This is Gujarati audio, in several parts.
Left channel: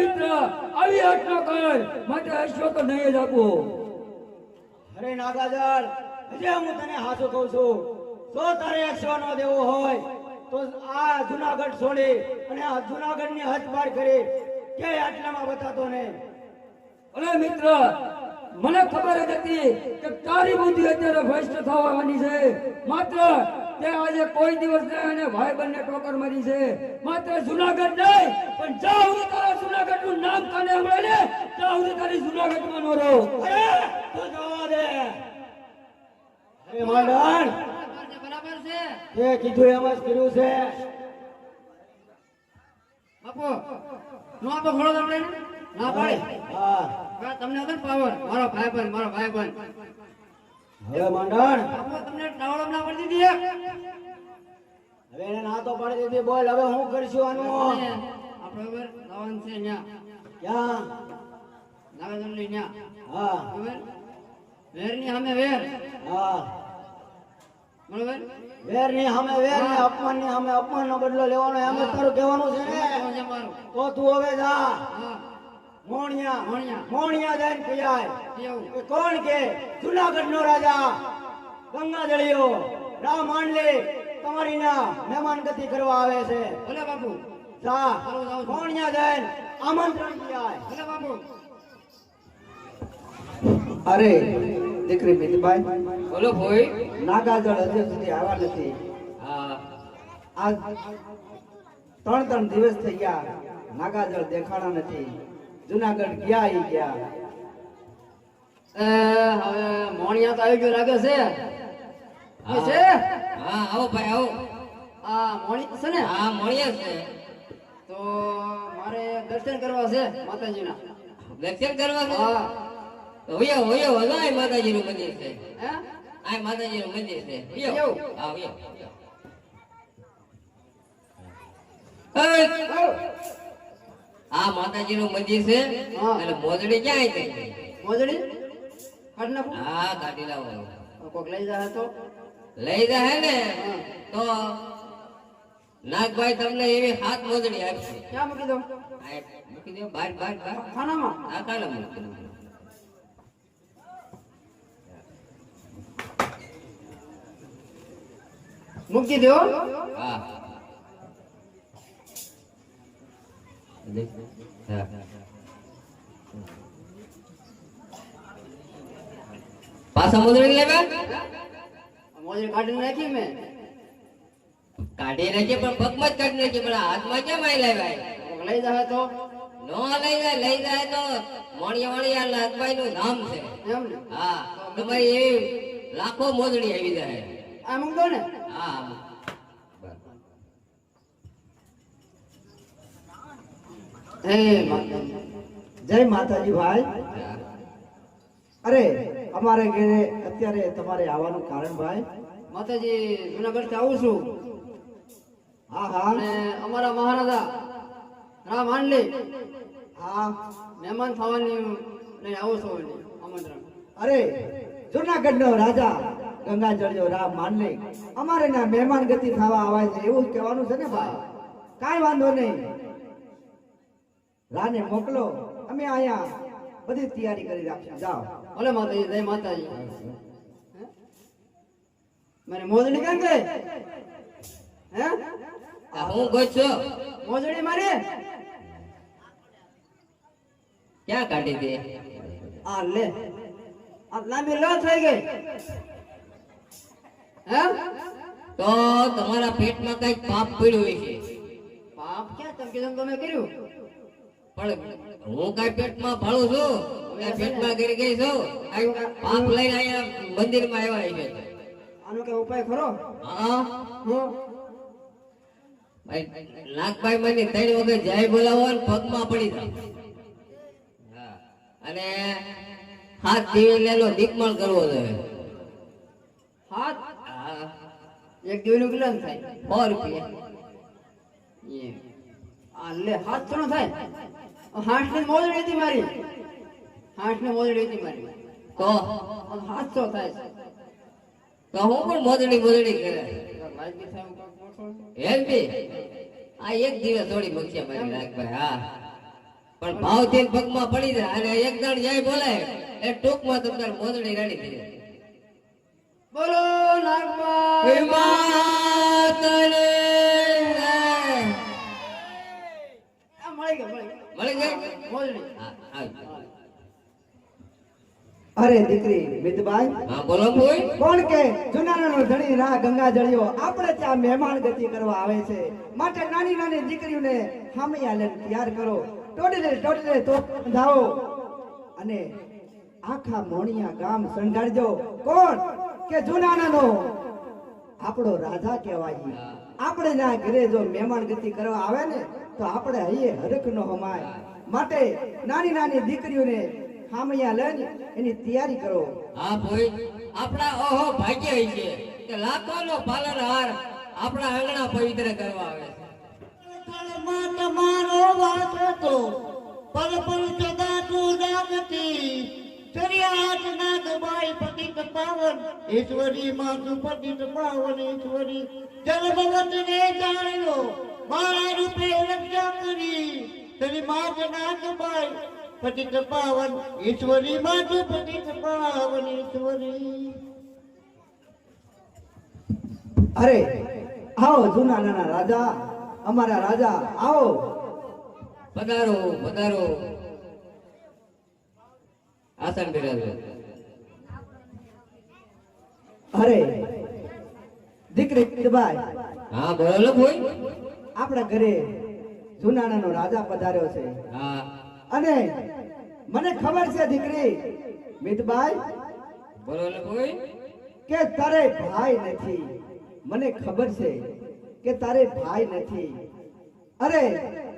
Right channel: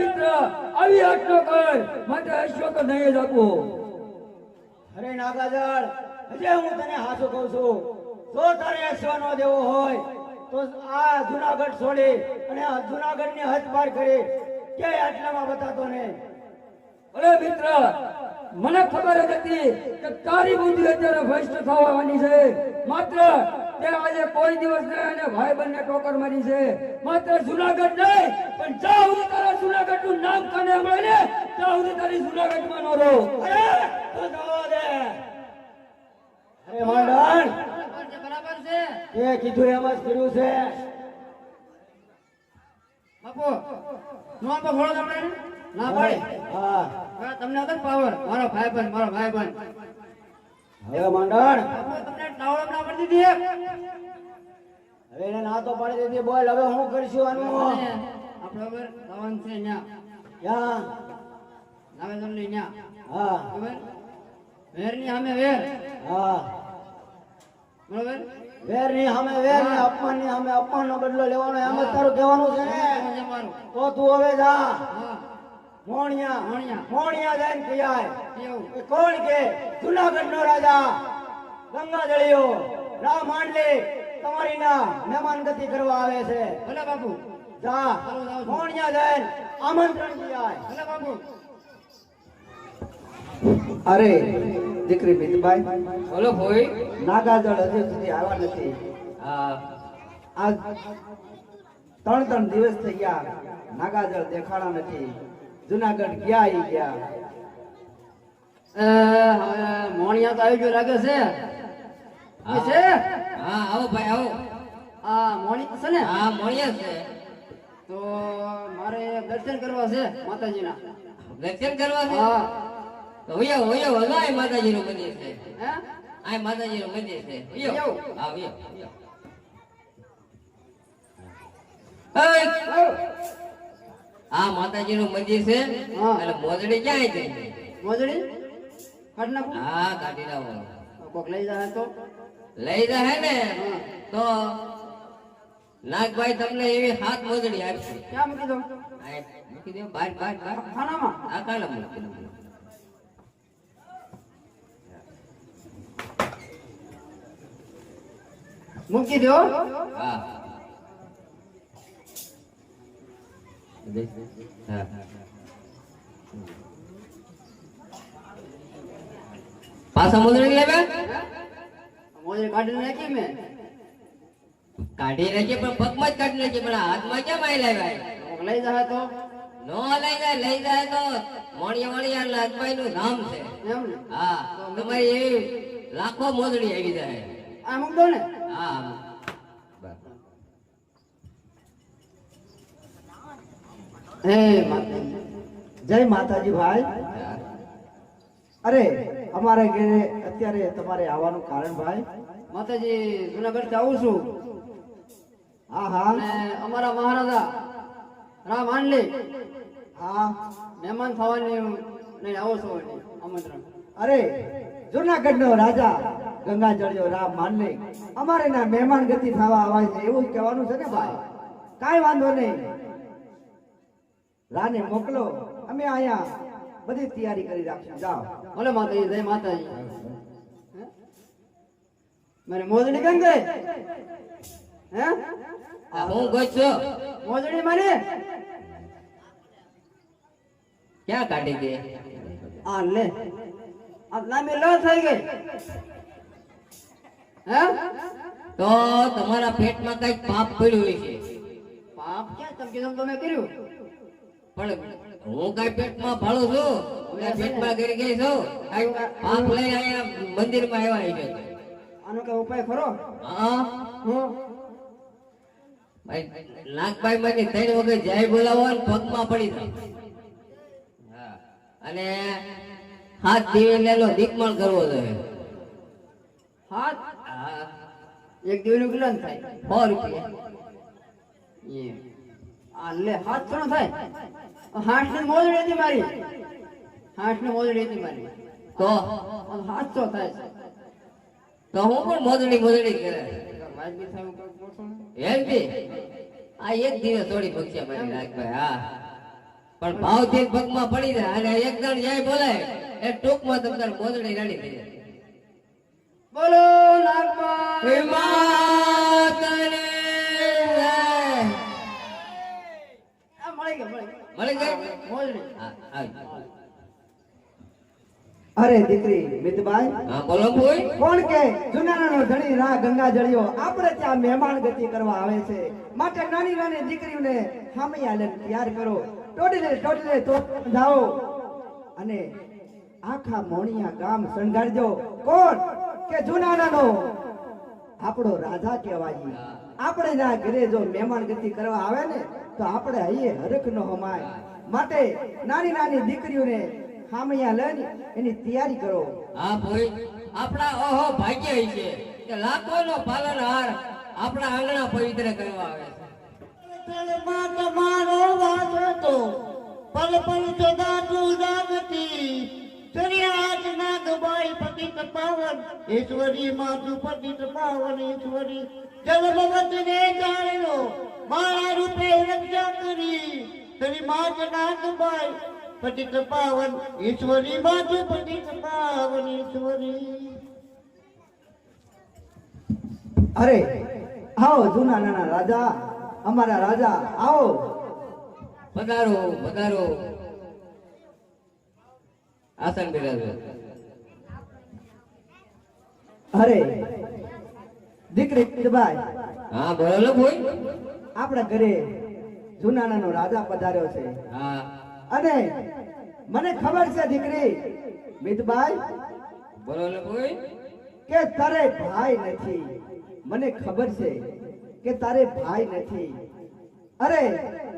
આવી હટ ન કર. માટે તો નહીં જ અરે નાગાજર હજે હું તને હાચું કહું છું. જો તારે એકસો નો દેવો હોય, તો આ જુનાગઢ છોડી અને જુનાગઢની હદ પાર કરી. કે આટલામાં બતાતો નહીં? અરે મિત્ર, મને ખબર હતી કે તારી બુદ્ધિ અત્યારે ભ્રષ્ટ થવાની છે. માત્ર તે આજે કોઈ દિવસ નહીં અને ભાઈ બંને ટોકર મારી છે. માત્ર જુનાગઢ નહીં, પણ જ્યાં સુધી તારા જુનાગઢનું નામ કાને મળે ત્યાં સુધી તારી જુનાગઢમાં નો રહો. અરે, તો છે એ કીધું એમ જ કર્યું છે. બાપુ, નો આપો ઘોડો તમને ના ભાઈ હા. તમને હતો પાવર? મારો ભાઈ બન મારો ભાઈ બન હવે મંડળ. તમને ટાવળ ના પડી દીધી હવે એને ના તો પાડી દીધી બોલ હવે હું કરશું આનું? આપણે હવે દાવન છે ન્યા. ક્યાં? દાવે તમને ન્યા. હા. હવે વેરની સામે વેર. હા. બરોબર? વેરની સામે વેર ને અપમાનની સામે અપમાન નો બદલો લેવાનો એમ જ તારું કહેવાનું છે ને? તો તું હવે જા. હા. મોણિયા મોણિયા. કોણ કે? જુનાગઢ નો રાજા. ગંગા જળિયો. રામ માંડલી તમારી ના મહેમાન ગતિ કરવા આવે છે. ભલે બાપુ. જા. મોણિયા આમંત્રણ કહેવાય ભલે બાપુ. અરે દીકરી મિતભાઈ. બોલો ભાઈ. નાગાજળ હજુ સુધી આવ્યા નથી. હા. ત્રણ ત્રણ દિવસ થઈ ગયા. નાગાજળ દેખાડા નથી. જુનાગઢ ગયા? ઈ ગયા એ, મોણિયા તો આવ્યો લાગે છે. છે? હા આવો ભાઈ આવો. આ મોણી છે ને? હા મોણિયા છે. તો મારે દર્શન કરવા છે માતાજીના. દર્શન કરવા છે? હા. હોયો હોયો હલો આ માતાજીનું મંદિર છે. હે? આ માતાજીનું મંદિર છે. હોયો હોયો. હા હોયો આ માતાજીનું મંદિર છે એટલે મોજડી ક્યાં ગઈ મોજડી? હા કાઢી લાવો. કોક લઈ જાય તો? લઈ જાય ને તો નાગભાઈ તમને એવી હાથ મોજડી આપશે. ક્યાં મૂકી દો? મૂકી દો બાર બાર બાર. ખાનામાં? આ કાલા મૂકી દો મૂકી દો. હા. પાછા મોજડી લેવા? મોજડી કાઢીને નાખી મેં. કાઢી નાખીએ પણ પગમાં જ કાઢી નાખીએ પણ હાથમાં કેમ આવી લાવ્યા? લઈ જાય તો. નો લઈ જાય લઈ જાય તો મોણિયા મોણિયા લાજભાઈ નું નામ છે. હા તમારી એવી લાખો મોજડી આવી જાય. આમ મૂક ને? હા હે માતાજી. જય માતાજી ભાઈ. અરે અમારે ઘરે અત્યારે તમારે આવવાનું કારણ ભાઈ? માતાજી જુનાગઢ આવું છું. હા હા. અમારા મહારાજા રામ હાંડલી હા. મહેમાન થવાની લઈને આવો છો આમંત્રણ. અરે જુનાગઢ નો રાજા ગંગાજળિયો રામ માનલે અમારે ના મહેમાન ગતિ થવા આવે છે એવું કહેવાનું છે ને ભાઈ. કાંઈ વાંધો નહીં. રાને મોકલો. અમે આયા. બધી તૈયારી કરી રાખી જાઓ. ભલે માતાજી, જય માતાજી. મને મોજડી કેમ ગઈ હે? હું ગયો છું. મોજડી મને ક્યાં કાઢી દે? આ લે. આ લાંબી ન થઈ ગઈ. હે? તો તમારા પેટમાં કઈ પાપ પડ્યું છે પાપ? ક્યાં? તમે કીધું તમે કર્યું. પણ હું કઈ પેટમાં ભાળું છું હું પેટમાં ગરી ગઈ છું. પાપ લઈને અહીંયા મંદિરમાં આવ્યા છે આનો કઈ ઉપાય ખરો? હા. હું. ભાઈ નાગભાઈ મને ત્રણ વખત જાય બોલાવો ને પગમાં પડી જાય અને હાથ દિવેલાનો દીકમણ કરવો જોઈએ. હાથ? એક દિવસનું કેટલા થાય. સો રૂપિયા. એ આ લે હાથ થોડો થાય. હાથની મોજડી હતી મારી. હાથની મોજડી હતી મારી તો હાથ તો થાય. તો હું પણ મોજડી મોજડી કરે. એમ બી આ એક દિવસ થોડી ભક્ષ્યા મારી નાગભાઈ હા. પણ ભાવથી પગમાં પડી જાય અને એક જણ જાય બોલાય એ ટૂંકમાં તમને મોજડી રાડી દે બોલો નાગબાઈ અરે દીકરી મિતભાઈ? હા બોલો કોઈ કોણ કે? જુનાણાનો ધણી રા ગંગા જળિયો આપણે ત્યાં મહેમાન ગતિ કરવા આવે છે. માટે નાની નાની દીકરીઓને હામિયા લઈને તૈયાર કરો. ટોડલે ટોડલે તો જાઓ અને આખા મોણિયા ગામ શણગારજો કોણ? કે જુનાણાનો આપણો રાજા કહેવાય. આપણે ના ઘરે જો મહેમાન ગતિ કરવા આવે ને તો આપણે હૈયે હરખ નો હમાય. માટે નાની નાની દીકરીઓને હામિયા લઈને એની તૈયારી કરો. હા ભાઈ આપણા ઓહો ભાગ્ય છે કે લાખોનો પાલનહાર આપણા આંગણા પવિત્ર કરવા આવે તળમાં તમારો વાસ હતો પલ પલ જગાતું જાગતી ચરિયાત નાગબાઈ પતિત પાવન ઈશ્વરી માતું પતિત પાવન ઈશ્વરી જલ ભગતને જાણ્યો મારા રૂપે રક્ષા કરી. તરી માત નાગબાઈ પતિત પાવન ઈશ્વરી માતું પતિત પાવન ઈશ્વરી. અરે આવો જૂના નાના રાજા અમારા રાજા આવો. પધારો પધારો. આસન બિરાજો અરે દીકરી ભાઈ હા બોલો ને ભાઈ આપણા ઘરે જુનાણાનો રાજા પધાર્યો છે. અને મને ખબર છે દીકરી મિતબાઈ બોલો ને ભાઈ. કે તારે ભાઈ નથી. મને ખબર છે કે તારે ભાઈ નથી. અરે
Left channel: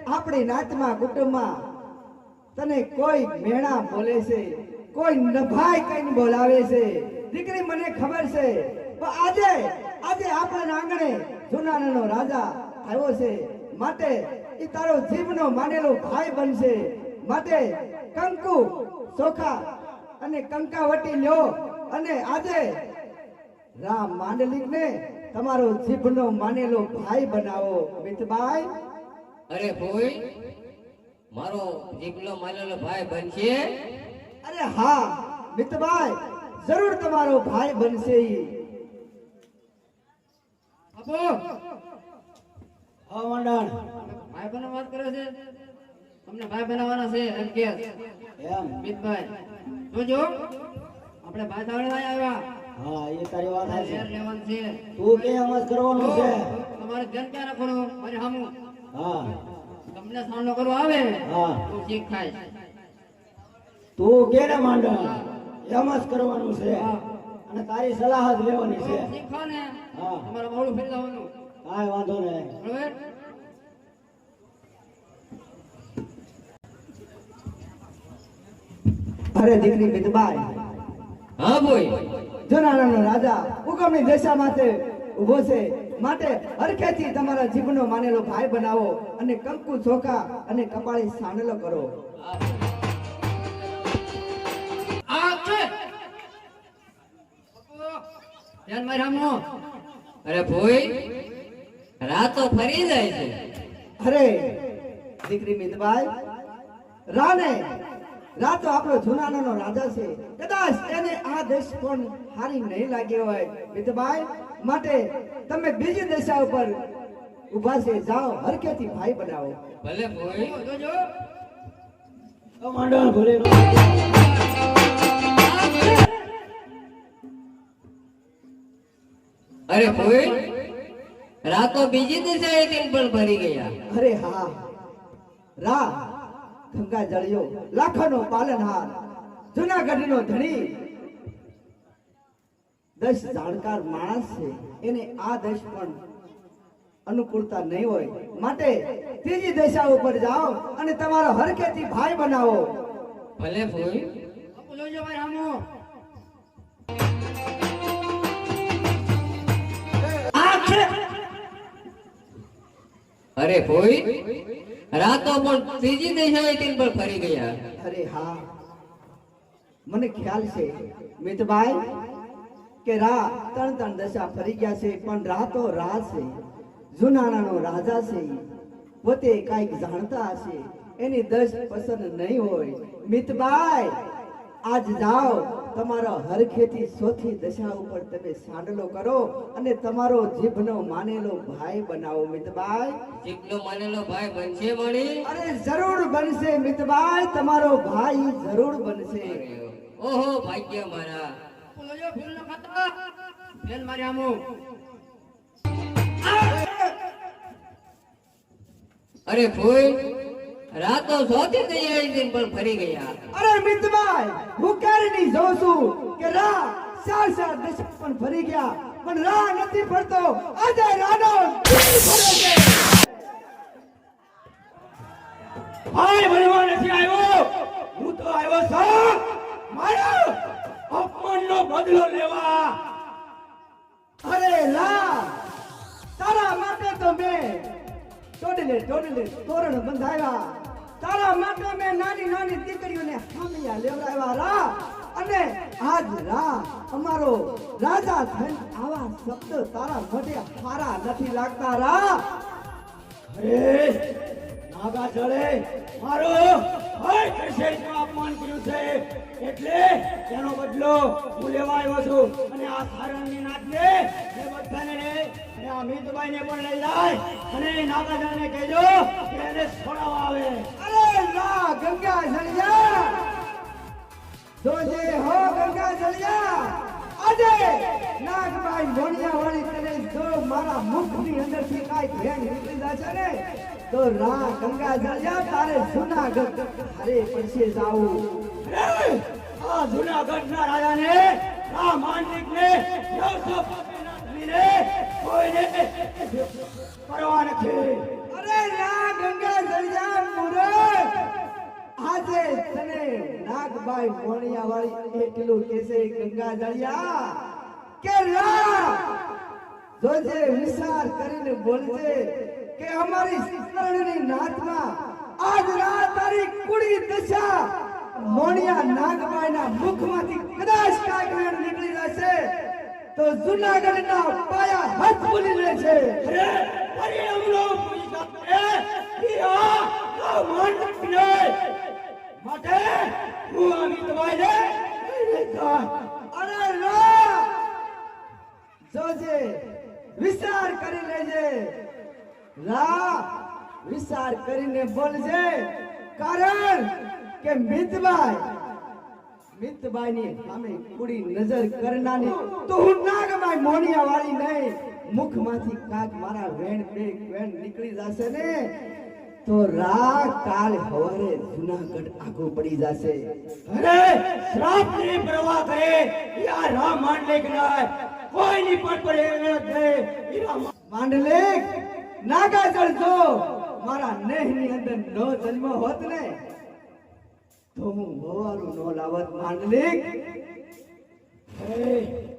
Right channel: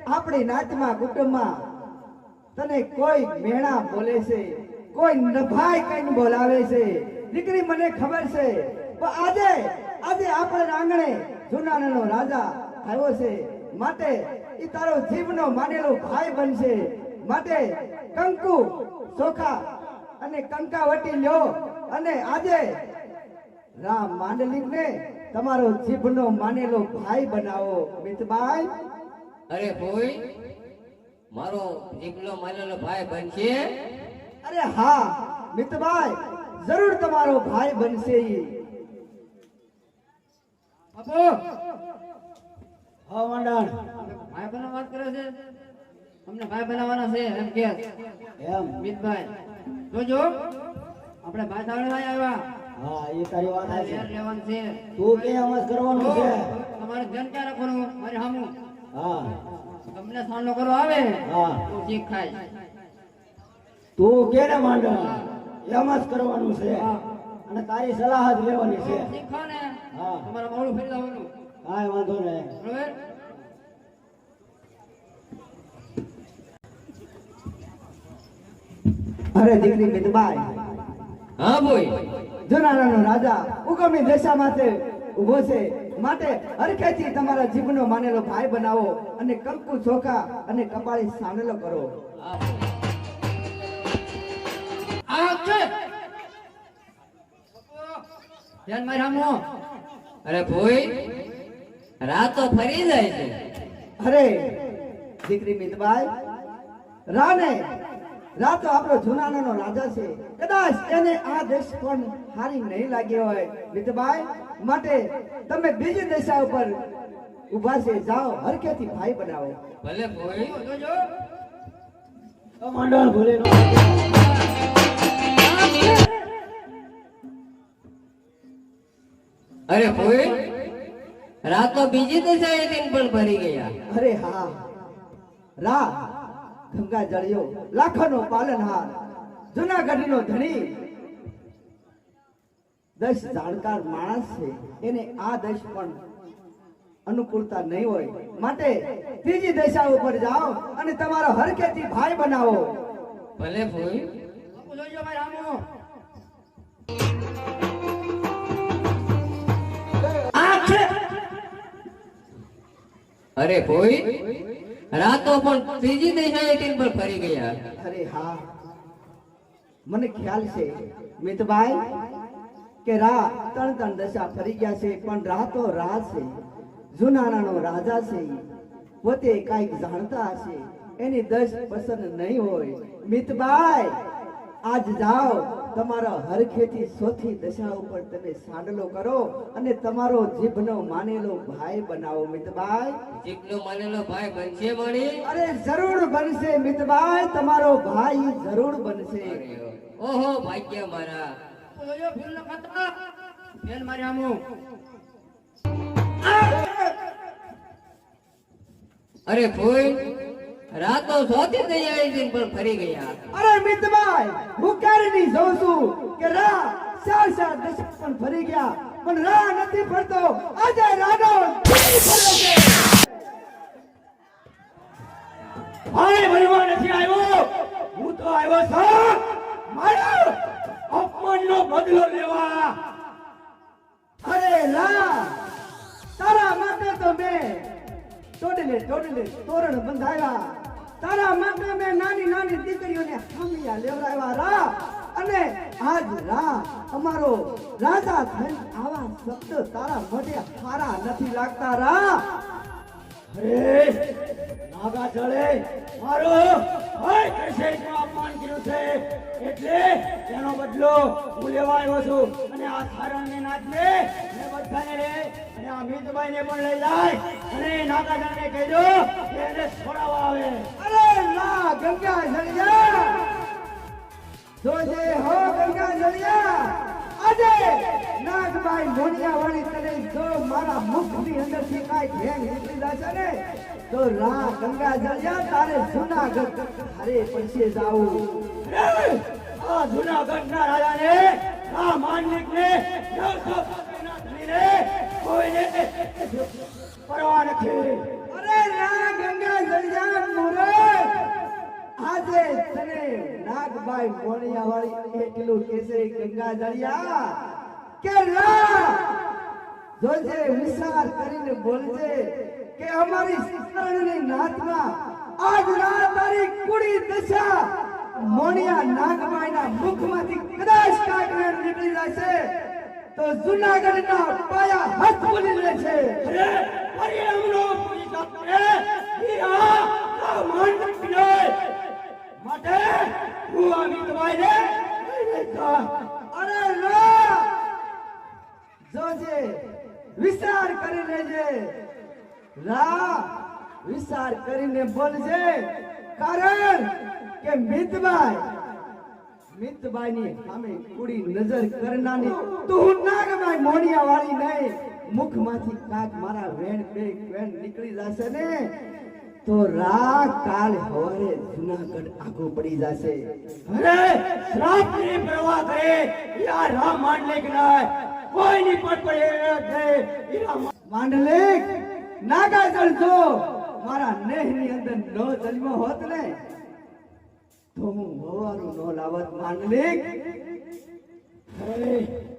આપણી નાચમાં કુટુંબમાં તને કોઈ મેણા બોલે છે કોઈ નભાઈ કઈને બોલાવે છે. દીકરી મને ખબર છે. પણ આજે આજે આપણા આંગણે જુનાણાનો રાજા આવ્યો છે. માટે એ તારો જીભનો માંડેલો ભાઈ બનશે. માટે કંકુ ચોખા અને કંકાવટી લ્યો. અને આજે રામ માંડલિકને તમારો જીભનો માનેલો ભાઈ બનાવો. મિતભાઈ? અરે ભોઈ મારો જીભનો માનેલો ભાઈ બનશે? અરે હા મિતભાઈ જરૂર તમારો ભાઈ બનશે ઈ. આપો હા મંડળ ભાઈ બનો વાત કરે છે? તમને ભાઈ બનાવવાના છે એમ કે. એમ. મિતભાઈ જોજો. આપણે ભાઈ સાવળવા આવ્યા. હા એ તારી વાત છે લેર લેવાનું છે. તું કે કરવાનું છે? તમારે ધ્યાન ક્યાં રાખવાનું? મારે સામું હા. તમને સામનો કરો આવે હા. તો શીખ થાય તું કે ને મંડળ એમ જ કરવાનું છે. અને તારી સલાહ જ લેવાની છે. શીખો ને હા. તમારે મોડું ફરી જવાનું વાંધો નહીં. અરે દીકરી મિતભાઈ હા ભાઈ જનારાનો રાજા ઉગમની દશા માટે ઊભો છે. માટે હરખેથી તમારા જીભનો માનેલો ભાઈ બનાવો અને કંકુ ચોખા અને કપાળી સાનેલો કરો. ધ્યાન મારે અરે ભાઈ રાતો ફરી જાય છે. અરે દીકરી મિતભાઈ રાને રાતો આપણો જુનાનાનો રાજા છે. કદાચ એને આ દેશ પણ હારી નહીં લાગ્યો હોય. મિતભાઈ માટે તમે બીજી દિશા ઉપર ઊભા છે. જાઓ હરકેથી ભાઈ બનાવો ભલે ભોળી જો તો મંડળ ભોલે અરે ભાઈ રાતો બીજી દિશાએ ટીમ પણ ભરી ગયા. અરે હા. રા ગંગા જળિયો લાખોનો પાલનહાર જુનાગઢનો ધણી. દસ જાણકાર માણસ છે એને આ દશ પણ અનુકૂળતા નહીં હોય. માટે ત્રીજી દિશા ઉપર જાઓ અને તમારો હરકેથી ભાઈ બનાવો. ભલે ભાઈ અરે કોઈ રાતો પણ ત્રીજી દિશાએ પણ ફરી ગયા. અરે હા. મને ખ્યાલ છે, મિતભાઈ, કે રા ત્રણ ત્રણ દશા ફરી ગયા છે, પણ રાતો રાહ છે, જુનાણાનો રાજા છે, પોતે કાંઈક જાણતા હશે, એની દસ પસંદ નહીં હોય. મિતભાઈ, આજ જાઓ. તમારા હરખેથી સોથી દશા ઉપર તમે સાંડલો કરો અને તમારો જીભનો માનેલો ભાઈ બનાવો મિતભાઈ. જીભનો માનેલો ભાઈ બનશે મણી અરે જરૂર બનશે મિતભાઈ. તમારો ભાઈ જરૂર બનશે. ઓહો ભાગ્ય મારા. બેન મારી આમું. અરે ફૂલ રાતો સોથી થઈ આવી હતી પણ ફરી ગયા અરે મિતભાઈ, હું ક્યારે નહીં જોઉં છું કે રા ચાર ચાર દશક પણ ફરી ગયા, પણ રા નથી ફરતો. આજે છે ભાઈ ભરવા નથી આવ્યો. હું તો આવ્યો છું મારા અપમાનનો બદલો લેવા. અરે રા તારા માટે તો મેં તોડી લે તોરણ બંધાવ્યા. તારા માટે મેં નાની નાની દીકરીઓને હાંભળ્યા લેવડાવ્યા રા અને આજ રા અમારો રાજા થઈને આવા શબ્દ તારા મોઢે સારા નથી લાગતા રા અરે નાગા ચડે મારો હર કશેશમાં અપમાન કર્યું છે એટલે તેનો બદલો હું લેવા આવ્યો છું. અને આ સારંગને નાથને ને બધાને રે, અને આ મિતભાઈને પણ લઈ જાય. અને નાગાજળને કહેજો કે એને છોડાવવા આવે. અરે ના, ગંગા જળિયા જોજે હો ગંગા જળિયા આજે નાગભાઈ મોડિયા વાળી તને જો મારા મુખની અંદરથી કાંઈ ભેંગ નીકળી જશે ને, તો રા ગંગા જળિયા તારે જૂનાગઢ તારે પછી જાવું આ જૂનાગઢના રાજાને આ માનનિકને કોઈને પરવા નથી. અરે ના, ગંગા જળિયા મૂરખ આજે તને નાગભાઈ મોણિયા વાળી કેસે ગંગા જળિયા કે રા જોજે, વિચાર કરીને બોલજે કે અમારી શરણની નાથમાં આજ રાત તારી કુડી દશા મોણિયા નાગભાઈના મુખમાંથી કદાચ વેણ નીકળી જશે, તો જુનાગઢના પાયા હાથ બોલી લે છે. અરે અમરો પોલીસ આપે હીરા આ માનનિક નહીં માટે હું આવી તમારે અરે રા જોજે વિચાર કરી લેજે. રા વિચાર કરીને બોલજે. કારણ કે મિતભાઈ, મિતભાઈની સામે કુડી નજર કરનાની તો હું નાગભાઈ મોણિયા વાળી નહીં, મુખમાંથી કાક મારા વેણ બે વેણ નીકળી જશે ને, તો રાત કાલ હવારે જુનાગઢ આગો પડી જશે. અરે શ્રાપની પ્રવાહ કરે યા રામ માનનિક નહીં, કોઈની પણ પડે નહીં માંડલેક નાગા ચડજો મારા મારા નેહની અંદર નો જન્મ હોત ને તો હું હોવાનું નો અરે